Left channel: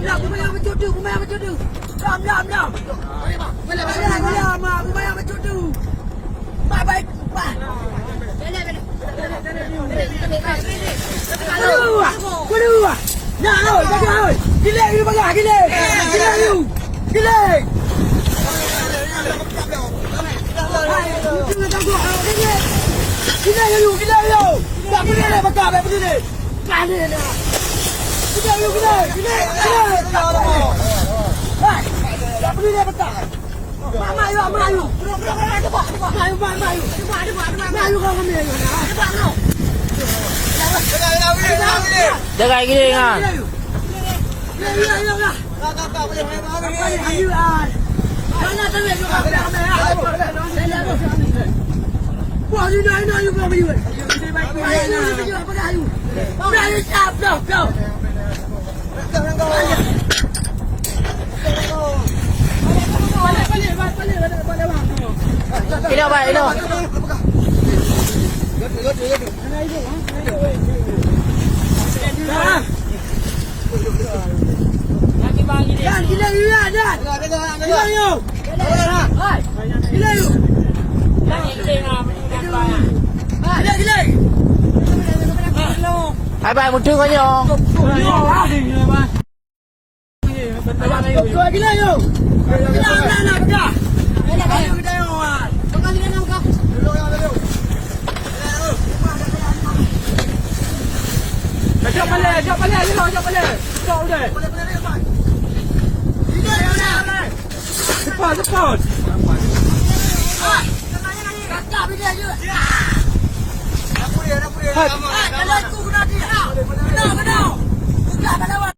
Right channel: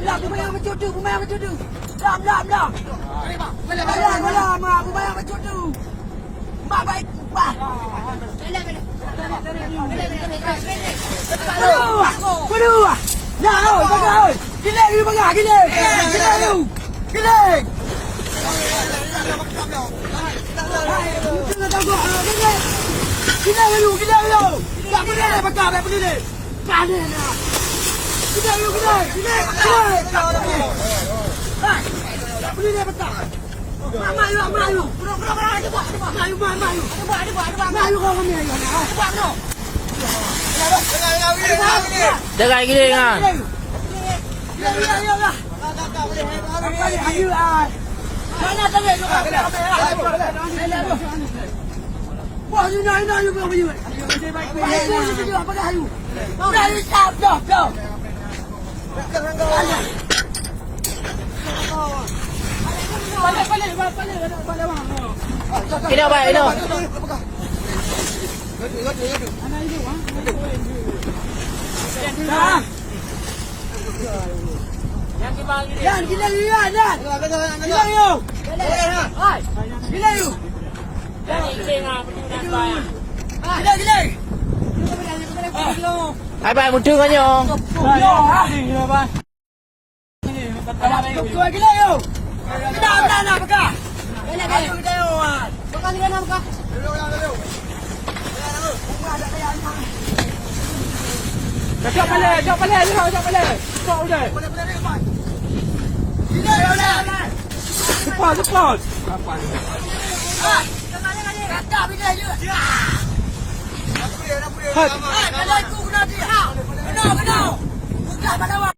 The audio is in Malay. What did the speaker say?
Làm kumaya macam tu. Làm. Kumaya macam tu. Baik. Kedua. Nah, bagai. Delay. Delay. Tak boleh bakar begini. Kali ni. Delay. Hai. Tak boleh bakar. Mayu. Mayu kau kami lagi. Jaga gini ya. Ya. Apa ni hayu ah. Mana tadi juga. Wah ni nak juga beli. Hayu ni beli apa dah hayu? Dah stop dah. Ini apa ini? Yan, gila yan. Gila you. Gila you. Gila. Apa mutu kau ni? Gila you. Gila beka. Gila you. Bukan gila nak kah? Jom balik. Cepat udah. Cepat. Kakak bila je. Hat. Kalau aku kena dia. Benar. Buka pada